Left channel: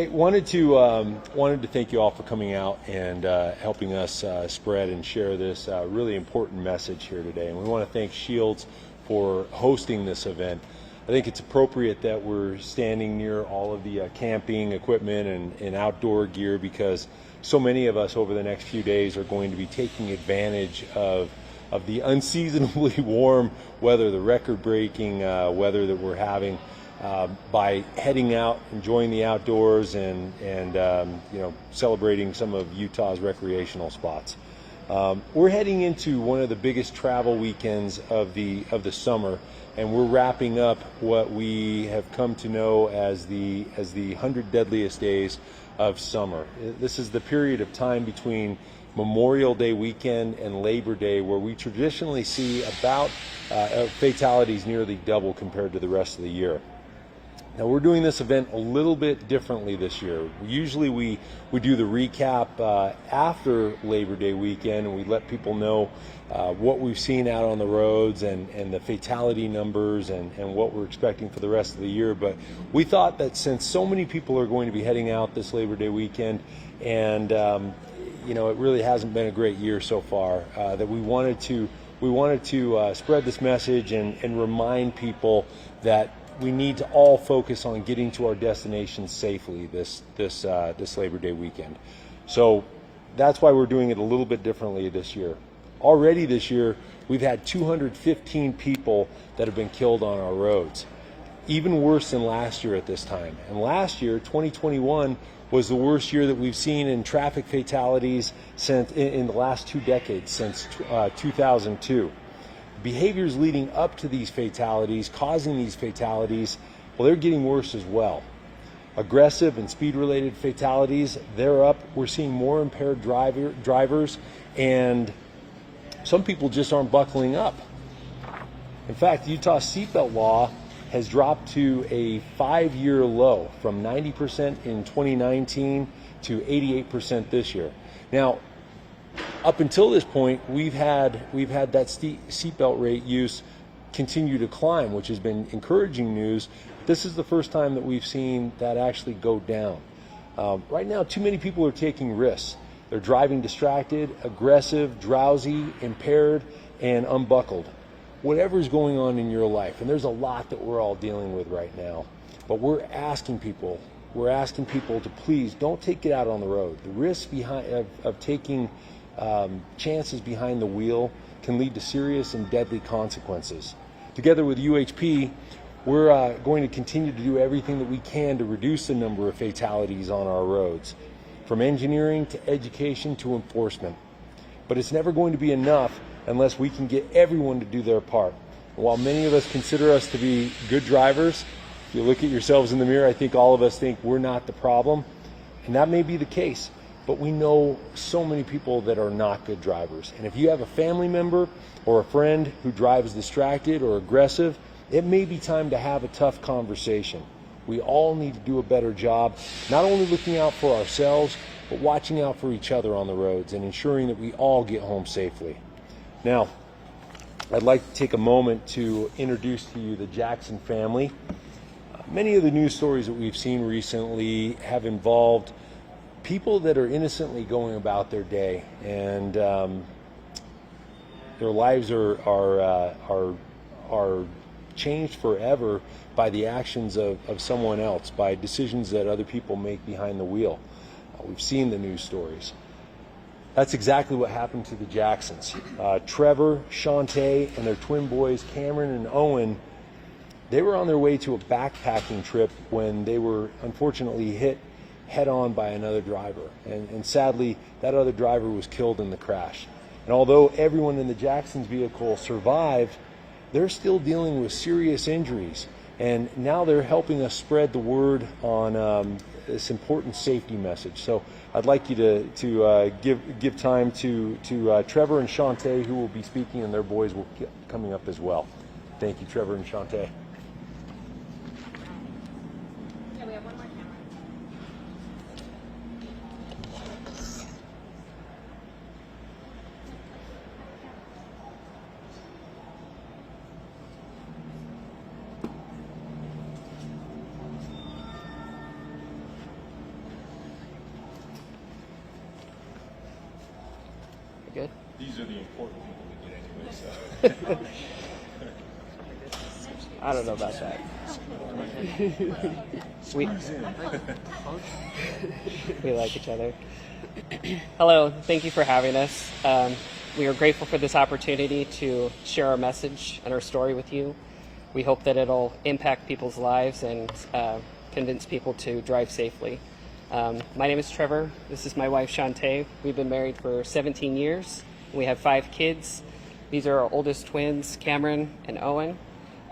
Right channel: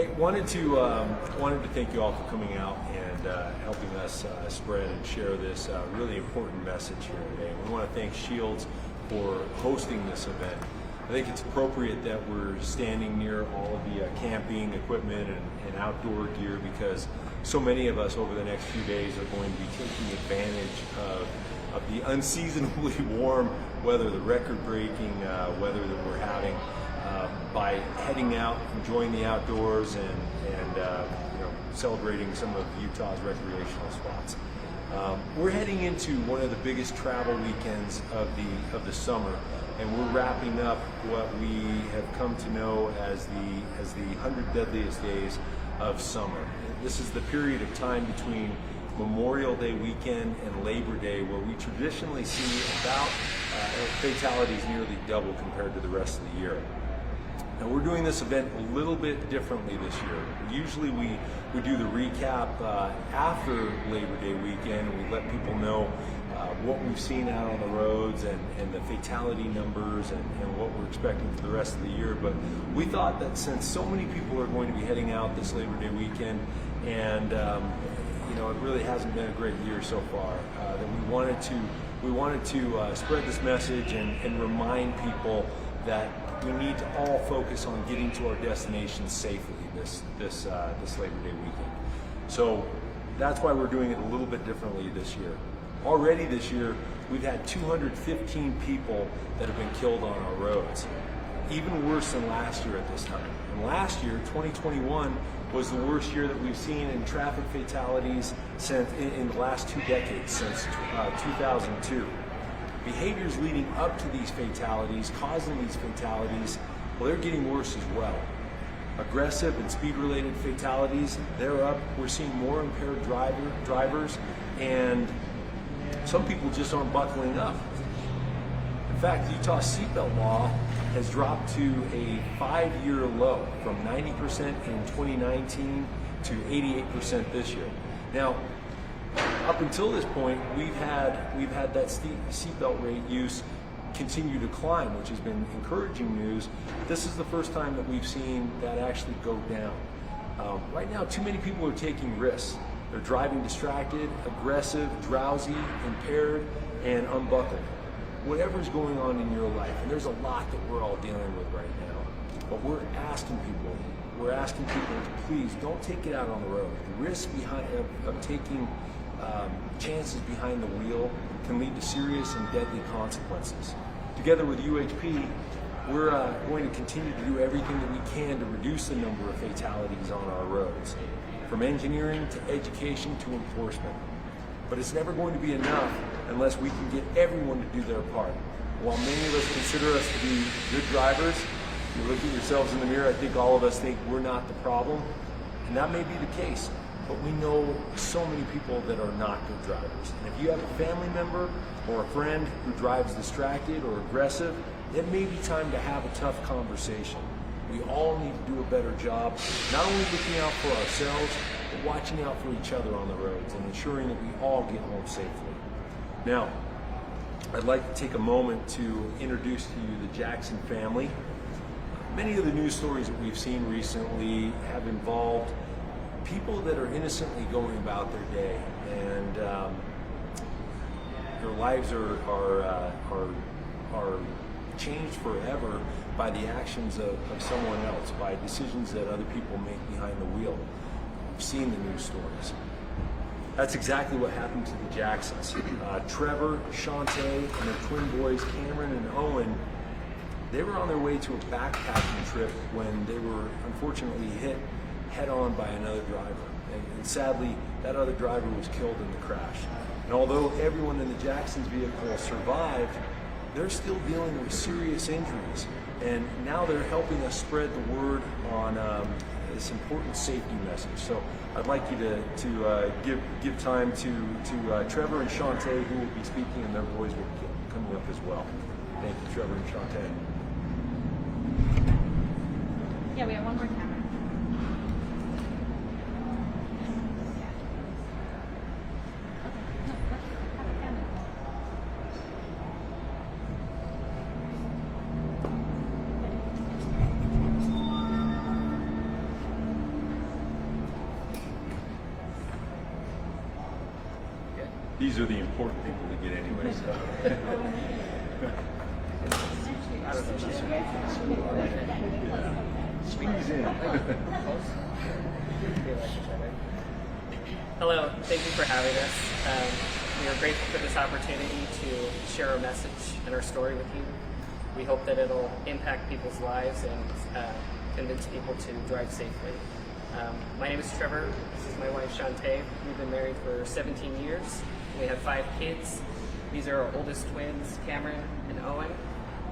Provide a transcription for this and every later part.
Hey, wanted to thank you all for coming out and helping us spread and share this really important message here today. And we want to thank Shields for hosting this event. I think it's appropriate that we're standing near all of the camping equipment and outdoor gear, because so many of us over the next few days are going to be taking advantage of the unseasonably warm weather, the record-breaking weather that we're having. By heading out, enjoying the outdoors, and celebrating some of Utah's recreational spots. We're heading into one of the biggest travel weekends of the summer, and we're wrapping up what we have come to know as the 100 deadliest days of summer. This is the period of time between Memorial Day weekend and Labor Day, where we traditionally see about fatalities nearly double compared to the rest of the year. Now, we're doing this event a little bit differently this year. Usually we do the recap after Labor Day weekend, and we let people know what we've seen out on the roads and the fatality numbers and what we're expecting for the rest of the year. But we thought that since so many people are going to be heading out this Labor Day weekend, and it really hasn't been a great year so far, that we wanted to spread this message and remind people that we need to all focus on getting to our destinations safely this Labor Day weekend. So that's why we're doing it a little bit differently this year. Already this year, we've had 215 people that have been killed on our roads, even worse than last year at this time. And last year, 2021, was the worst year that we've seen in traffic fatalities since in the last 2 decades, since 2002. Behaviors leading up to these fatalities, causing these fatalities, well, they're getting worse as well. Aggressive and speed-related fatalities, they're up. We're seeing more impaired drivers, and some people just aren't buckling up. In fact, Utah's seatbelt law has dropped to a 5-year low, from 90% in 2019 to 88% this year. Now, up until this point, we've had that seatbelt rate use continue to climb, which has been encouraging news. This is the first time that we've seen that actually go down. Right now, too many people are taking risks. They're driving distracted, aggressive, drowsy, impaired, and unbuckled. Whatever's going on in your life, and there's a lot that we're all dealing with right now, but we're asking people to please don't take it out on the road. The risk of taking chances behind the wheel can lead to serious and deadly consequences. Together with UHP, we're going to continue to do everything that we can to reduce the number of fatalities on our roads, from engineering to education to enforcement. But it's never going to be enough unless we can get everyone to do their part. While many of us consider us to be good drivers, if you look at yourselves in the mirror, I think all of us think we're not the problem, and that may be the case. But we know so many people that are not good drivers. And if you have a family member or a friend who drives distracted or aggressive, it may be time to have a tough conversation. We all need to do a better job, not only looking out for ourselves, but watching out for each other on the roads and ensuring that we all get home safely. Now, I'd like to take a moment to introduce to you the Jackson family. Many of the news stories that we've seen recently have involved people that are innocently going about their day, and their lives are changed forever by the actions of someone else, by decisions that other people make behind the wheel. We've seen the news stories. That's exactly what happened to the Jacksons. Trevor, Shantae, and their twin boys, Cameron and Owen, they were on their way to a backpacking trip when they were unfortunately hit head-on by another driver. And sadly, that other driver was killed in the crash. And although everyone in the Jacksons vehicle survived, they're still dealing with serious injuries. And now they're helping us spread the word on this important safety message. So I'd like you to give time to Trevor and Shantae, who will be speaking, and their boys will be coming up as well. Thank you, Trevor and Shantae. Yeah, we have one more camera. These are the important people to get anyway, so. I don't know about that. Sweet. We like each other. Hello, thank you for having us. We are grateful for this opportunity to share our message and our story with you. We hope that it'll impact people's lives and convince people to drive safely. My name is Trevor. This is my wife, Shantae. We've been married for 17 years. We have 5 kids. These are our oldest twins, Cameron and Owen.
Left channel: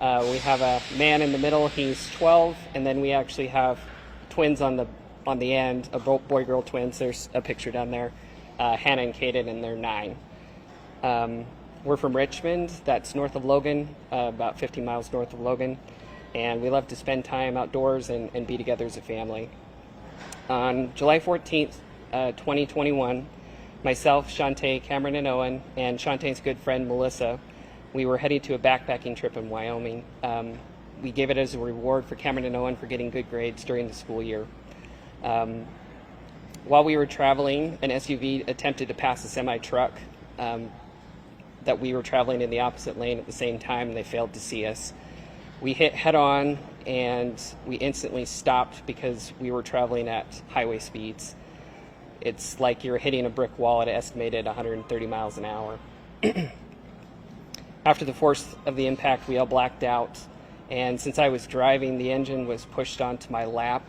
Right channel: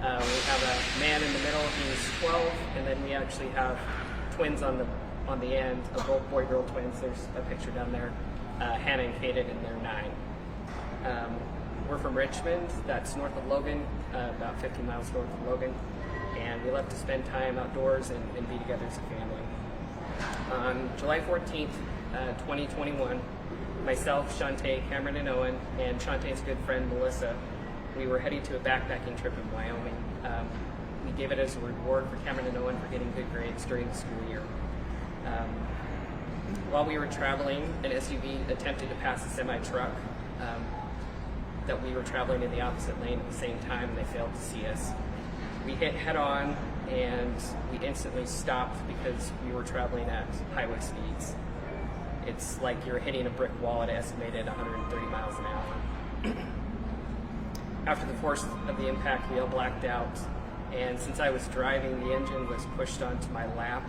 We have a man in the middle, he's 12, and then we actually have twins on the end, boy-girl twins. There's a picture down there, Hannah and Kaden, and they're 9. We're from Richmond, that's north of Logan, about 50 miles north of Logan, and we love to spend time outdoors and be together as a family. On July 14th, 2021, myself, Shantae, Cameron, and Owen, and Shantae's good friend, Melissa, we were heading to a backpacking trip in Wyoming. We gave it as a reward for Cameron and Owen for getting good grades during the school year. While we were traveling, an SUV attempted to pass a semi-truck that we were traveling in the opposite lane at the same time, and they failed to see us. We hit head-on, and we instantly stopped because we were traveling at highway speeds. It's like you're hitting a brick wall at estimated 130 miles an hour. After the force of the impact, we all blacked out, and since I was driving, the engine was pushed onto my lap,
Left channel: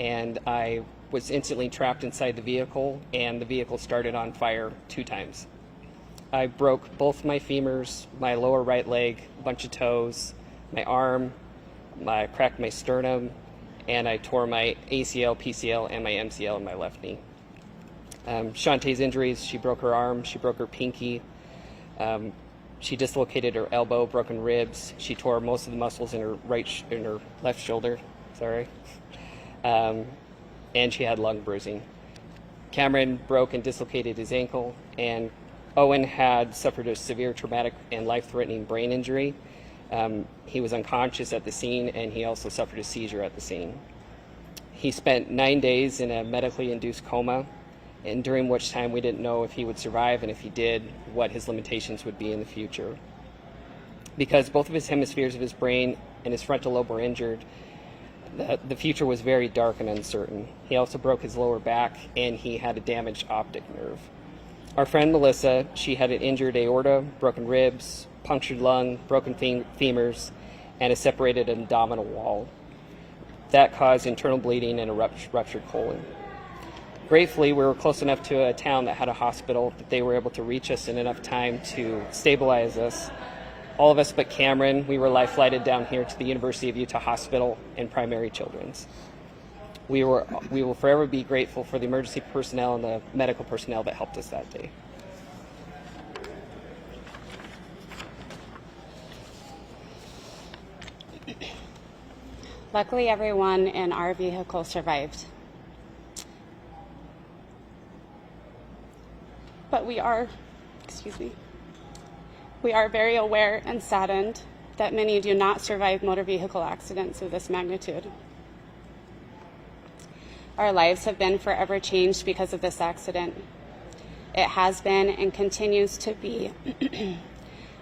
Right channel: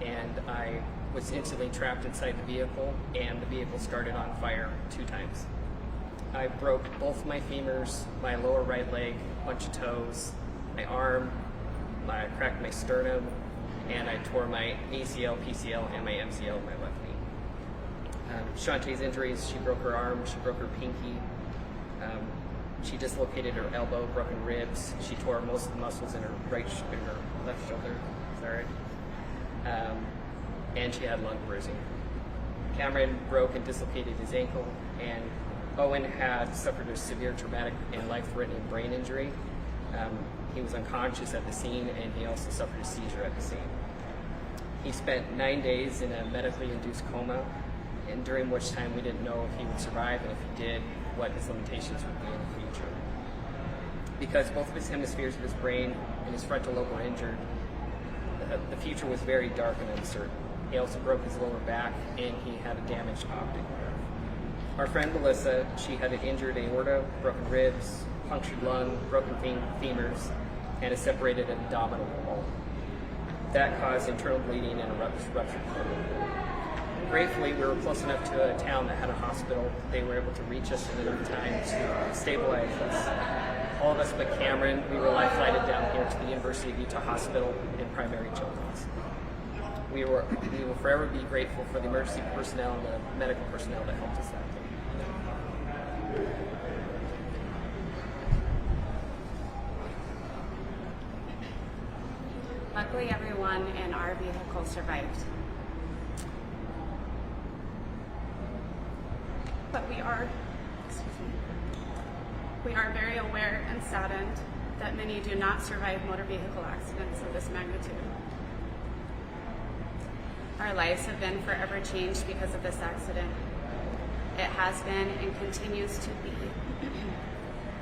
and I was instantly trapped inside the vehicle, and the vehicle started on fire 2 times. I broke both my femurs, my lower right leg, a bunch of toes, my arm, I cracked my sternum, and I tore my ACL, PCL, and my MCL in my left knee. Shantae's injuries, she broke her arm, she broke her pinky, she dislocated her elbow, broken ribs, she tore most of the muscles in her left shoulder, and she had lung bruising. Cameron broke and dislocated his ankle, and Owen had suffered a severe traumatic and life-threatening brain injury. He was unconscious at the scene, and he also suffered a seizure at the scene. He spent 9 days in a medically induced coma, and during which time we didn't know if he would survive, and if he did, what his limitations would be in the future. Because both of his hemispheres of his brain and his frontal lobe were injured, the future was very dark and uncertain. He also broke his lower back, and he had a damaged optic nerve. Our friend Melissa, she had an injured aorta, broken ribs, punctured lung, broken femurs, and a separated abdominal wall. That caused internal bleeding and a ruptured colon. Gratefully, we were close enough to a town that had a hospital that they were able to reach us in enough time to stabilize us. All of us but Cameron, we were life flighted down here to the University of Utah Hospital and Primary Children's. We will forever be grateful for the emergency personnel and the medical personnel that helped us that day. Luckily, everyone in our vehicle survived. But we are very aware and saddened that many do not survive motor vehicle accidents of this magnitude. Our lives have been forever changed because of this accident. It has been and continues to be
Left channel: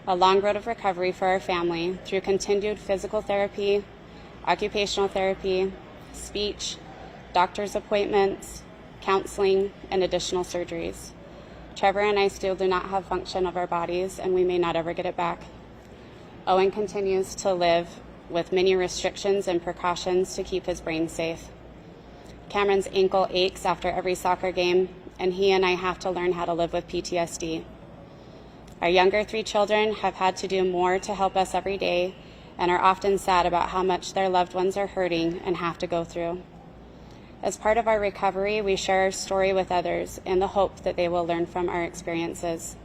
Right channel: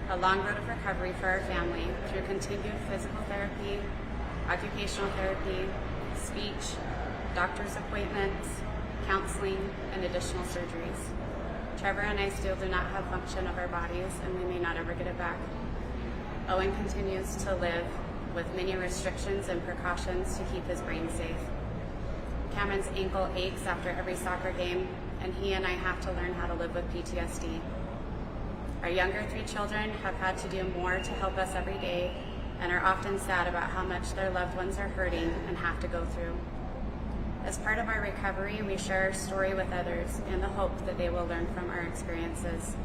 a long road of recovery for our family through continued physical therapy, occupational therapy, speech, doctor's appointments, counseling, and additional surgeries. Trevor and I still do not have function of our bodies, and we may not ever get it back. Owen continues to live with many restrictions and precautions to keep his brain safe. Cameron's ankle aches after every soccer game, and he and I have to learn how to live with PTSD. Our younger 3 children have had to do more to help us every day and are often sad about how much their loved ones are hurting and have to go through. As part of our recovery, we share our story with others in the hope that they will learn from our experiences.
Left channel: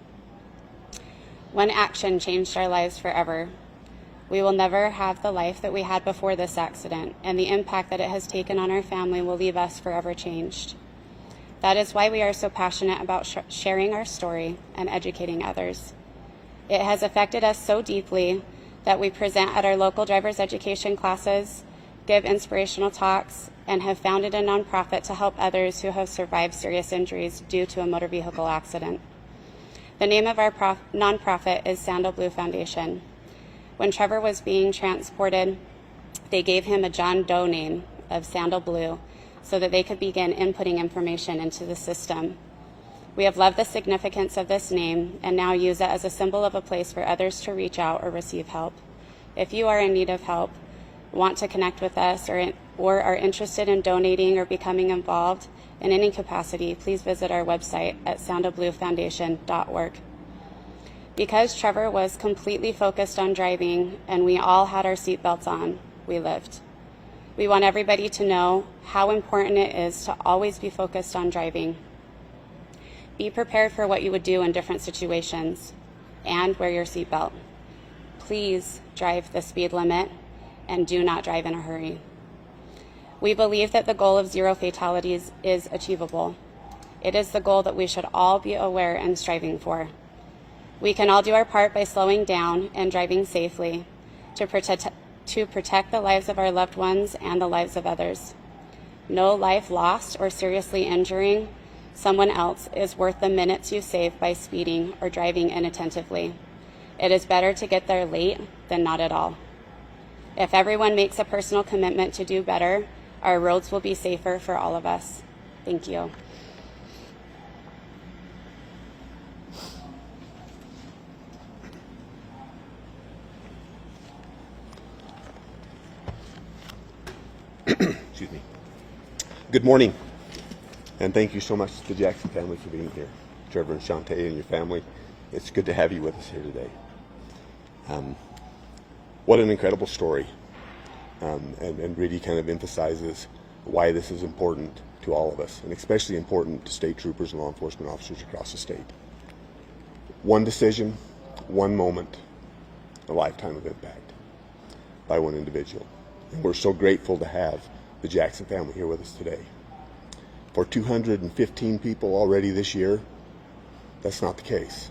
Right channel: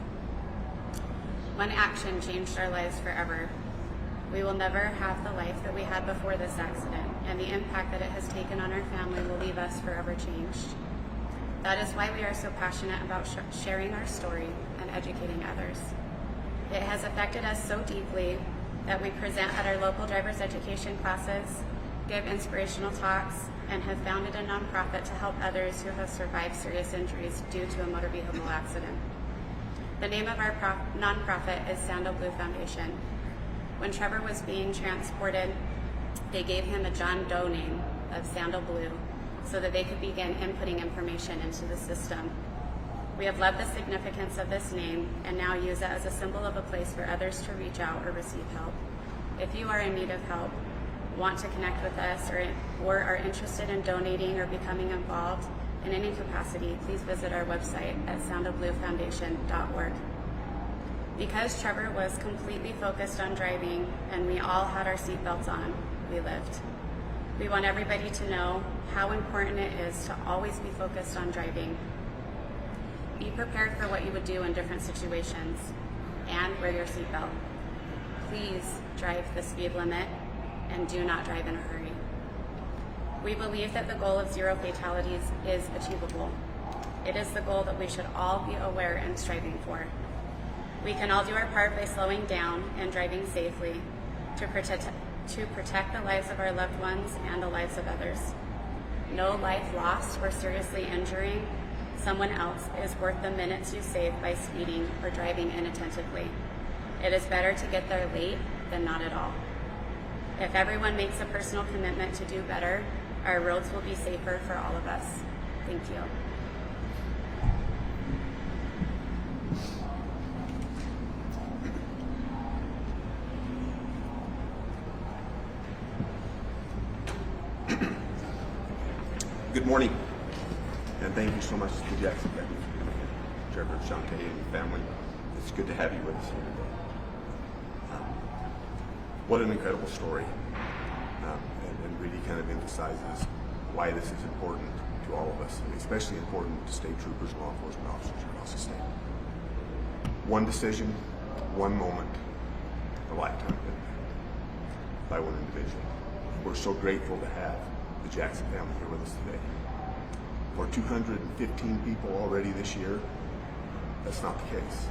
One action changed our lives forever. We will never have the life that we had before this accident, and the impact that it has taken on our family will leave us forever changed. That is why we are so passionate about sharing our story and educating others. It has affected us so deeply that we present at our local driver's education classes, give inspirational talks, and have founded a nonprofit to help others who have survived serious injuries due to a motor vehicle accident. The name of our nonprofit is Sandal Blue Foundation. When Trevor was being transported, they gave him a John Doe name of Sandal Blue so that they could begin inputting information into the system. We have loved the significance of this name and now use it as a symbol of a place for others to reach out or receive help. If you are in need of help, want to connect with us, or are interested in donating or becoming involved in any capacity, please visit our website at sandalbluefoundation.org. Because Trevor was completely focused on driving and we all had our seatbelts on, we lived. We want everybody to know how important it is to always be focused on driving. Be prepared for what you would do in different situations and wear your seatbelt. Please drive the speed limit and do not drive in a hurry. We believe that the goal of 0 fatalities is achievable. It is the goal that we should all be aware and striving for. We can all do our part by slowing down and driving safely to protect the lives of our loved ones and the lives of others. No life lost or seriously injuring someone else is worth the minutes you save by speeding or driving inattentively. It is better to get there late than not at all. If everyone makes a personal commitment to do better, our roads will be safer for all of us. Thank you. Good morning, and thank you so much to the Jackson family for being here. Trevor and Shantae and your family, it's good to have you with us here today. What an incredible story, and really kind of emphasizes why this is important to all of us, and especially important to state troopers and law enforcement officers across the state. One decision, one moment, a lifetime of impact by one individual. And we're so grateful to have the Jackson family here with us today. For 215 people already this year, that's not the case,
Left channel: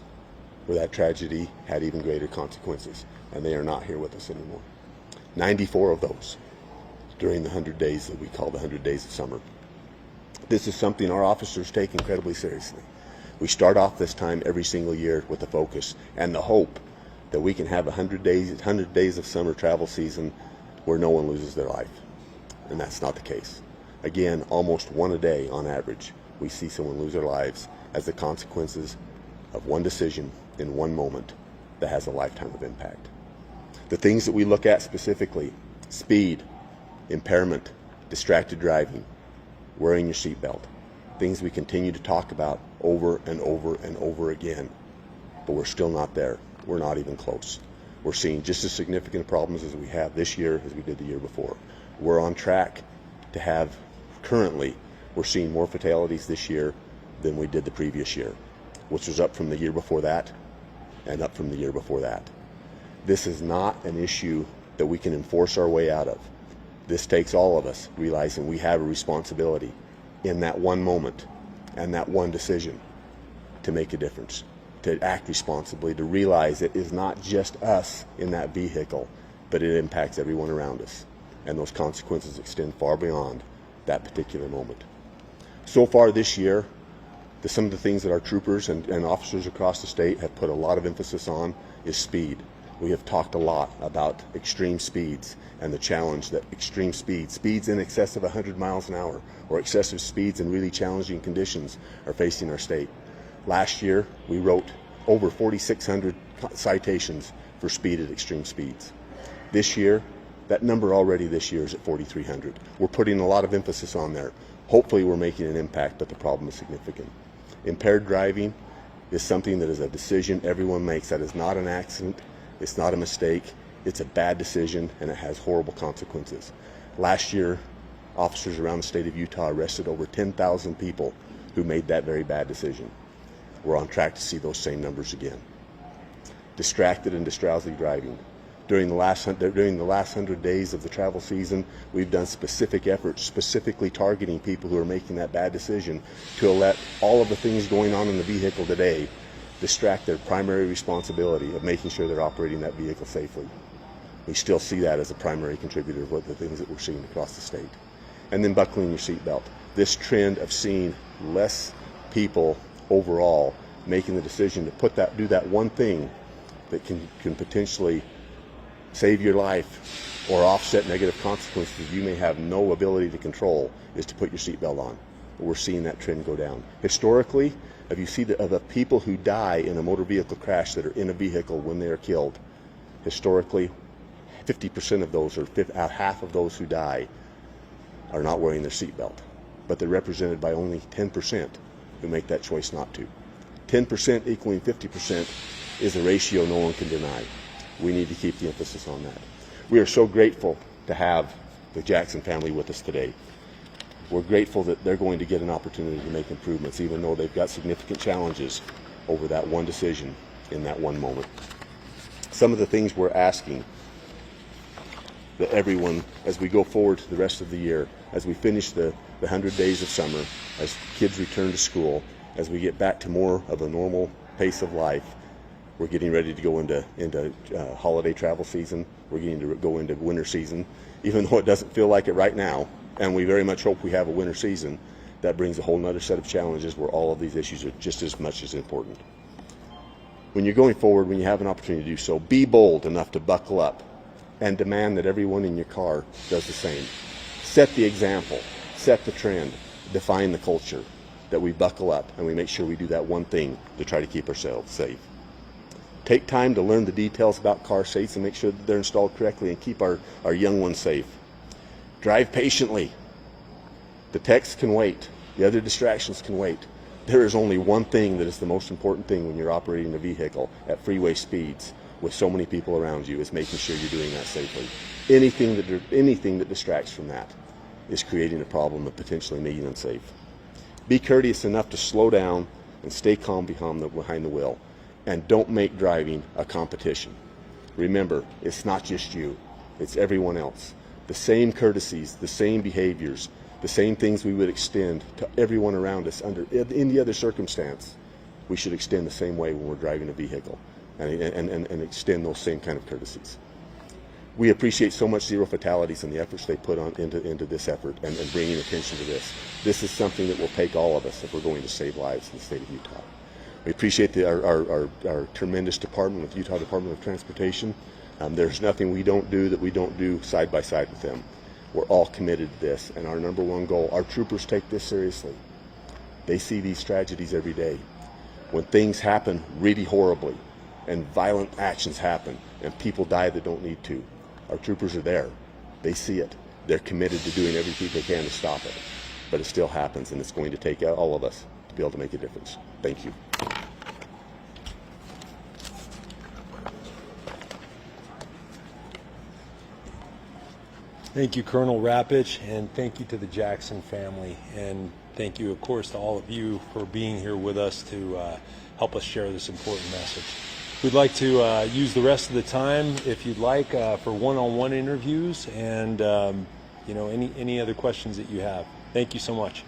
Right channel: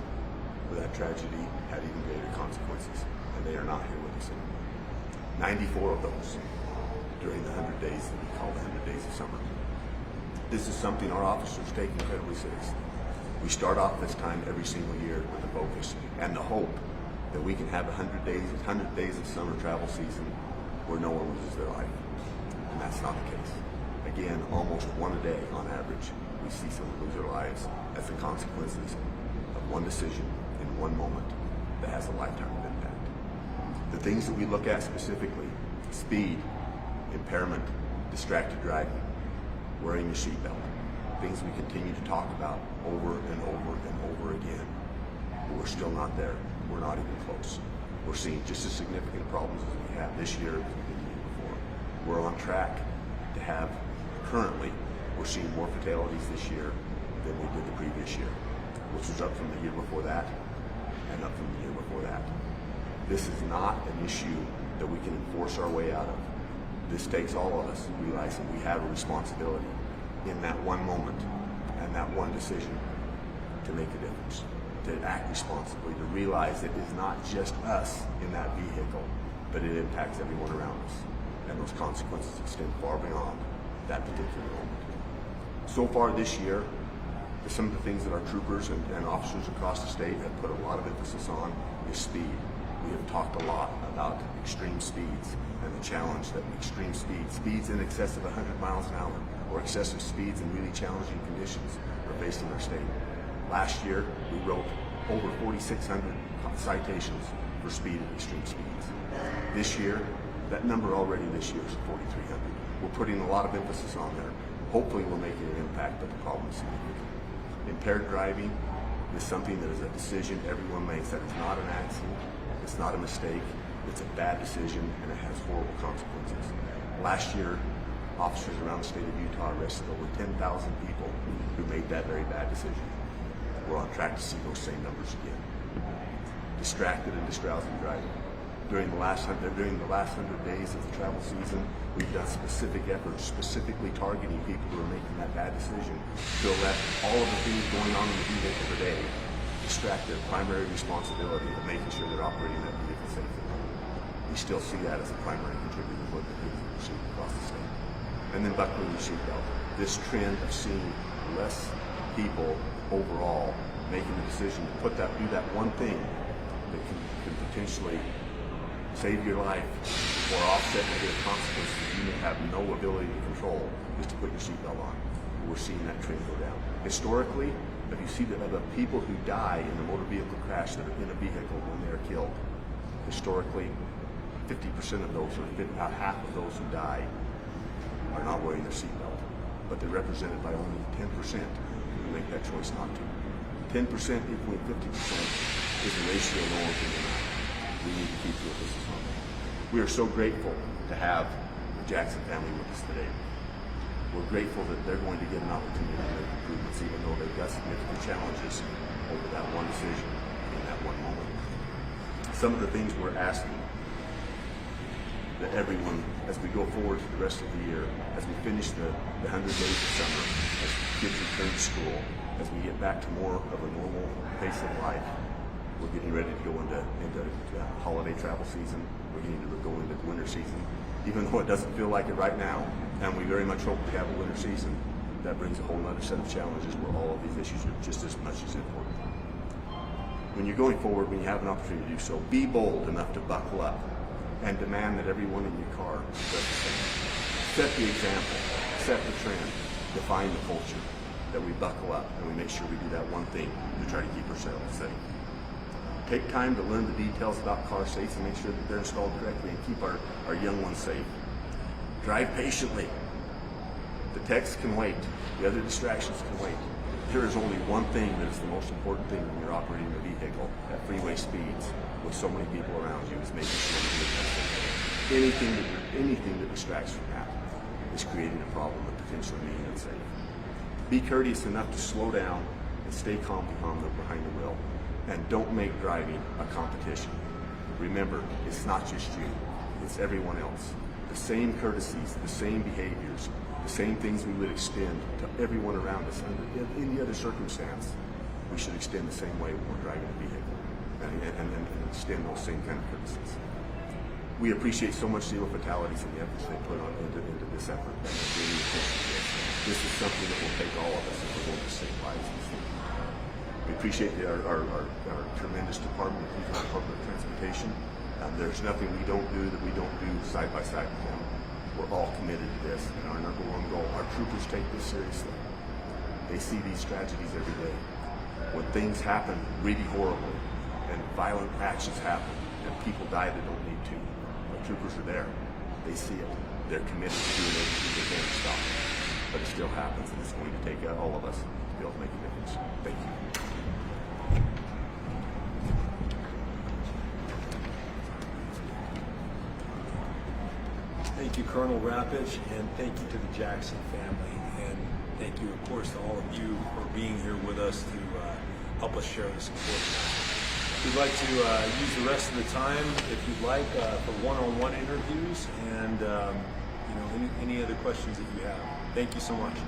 where that tragedy had even greater consequences, and they are not here with us anymore. 94 of those during the 100 days that we call the 100 days of summer. This is something our officers take incredibly seriously. We start off this time every single year with the focus and the hope that we can have 100 days of summer travel season where no one loses their life. And that's not the case. Again, almost one a day on average, we see someone lose their lives as the consequences of one decision in one moment that has a lifetime of impact. The things that we look at specifically: speed, impairment, distracted driving, wearing your seatbelt, things we continue to talk about over and over and over again, but we're still not there. We're not even close. We're seeing just as significant problems as we have this year as we did the year before. We're on track to have, currently, we're seeing more fatalities this year than we did the previous year, which was up from the year before that and up from the year before that. This is not an issue that we can enforce our way out of. This takes all of us realizing we have a responsibility in that one moment and that one decision to make a difference, to act responsibly, to realize it is not just us in that vehicle, but it impacts everyone around us. And those consequences extend far beyond that particular moment. So far this year, some of the things that our troopers and officers across the state have put a lot of emphasis on is speed. We have talked a lot about extreme speeds and the challenge that extreme speeds in excess of 100 miles an hour, or excessive speeds in really challenging conditions, are facing our state. Last year, we wrote over 4,600 citations for speed at extreme speeds. This year, that number already this year is at 4,300. We're putting a lot of emphasis on there. Hopefully we're making an impact, but the problem is significant. Impaired driving is something that is a decision everyone makes. That is not an accident. It's not a mistake. It's a bad decision, and it has horrible consequences. Last year, officers around the state of Utah arrested over 10,000 people who made that very bad decision. We're on track to see those same numbers again. Distracted and distraussy driving. During the last 100 days of the travel season, we've done specific efforts, specifically targeting people who are making that bad decision, to let all of the things going on in the vehicle today distract their primary responsibility of making sure they're operating that vehicle safely. We still see that as a primary contributor to the things that we're seeing across the state. And then buckling your seatbelt. This trend of seeing less people overall making the decision to do that one thing that can potentially save your life or offset negative consequences you may have no ability to control, is to put your seatbelt on. But we're seeing that trend go down. Historically, if you see the people who die in a motor vehicle crash that are in a vehicle when they are killed, historically, 50% of those, or half of those who die, are not wearing their seatbelt. But they're represented by only 10% who make that choice not to. 10% equaling 50% is a ratio no one can deny. We need to keep the emphasis on that. We are so grateful to have the Jackson family with us today. We're grateful that they're going to get an opportunity to make improvements, even though they've got significant challenges over that one decision in that one moment. Some of the things we're asking that everyone, as we go forward to the rest of the year, as we finish the 100 days of summer, as kids return to school, as we get back to more of a normal pace of life, we're getting ready to go into holiday travel season. We're getting to go into winter season, even though it doesn't feel like it right now. And we very much hope we have a winter season. That brings a whole nother set of challenges where all of these issues are just as much as important. When you're going forward, when you have an opportunity to do so, be bold enough to buckle up and demand that everyone in your car does the same. Set the example, set the trend, define the culture, that we buckle up and we make sure we do that one thing to try to keep ourselves safe. Take time to learn the details about car safes and make sure that they're installed correctly and keep our young ones safe. Drive patiently. The text can wait. The other distractions can wait. There is only one thing that is the most important thing when you're operating a vehicle at freeway speeds with so many people around you, is making sure you're doing that safely. Anything that distracts from that is creating a problem of potentially making it unsafe. Be courteous enough to slow down and stay calm behind the wheel. And don't make driving a competition. Remember, it's not just you, it's everyone else. The same courtesies, the same behaviors, the same things we would extend to everyone around us under any other circumstance, we should extend the same way when we're driving a vehicle and extend those same kind of courtesies. We appreciate so much Zero Fatalities and the efforts they put into this effort and bringing attention to this. This is something that will take all of us if we're going to save lives in the state of Utah. We appreciate our tremendous department, the Utah Department of Transportation. There's nothing we don't do side by side with them. We're all committed to this, and our number one goal, our troopers take this seriously. They see these tragedies every day. When things happen really horribly and violent actions happen and people die that don't need to, our troopers are there. They see it. They're committed to doing everything they can to stop it. But it still happens, and it's going to take all of us to be able to make a difference. Thank you. Thank you, Colonel Rapich, and thank you to the Jackson family, and thank you, of course, to all of you for being here with us to help us share this important message. We'd like to use the rest of the time, if you'd like, for one-on-one interviews and any other questions that you have. Thank you so much.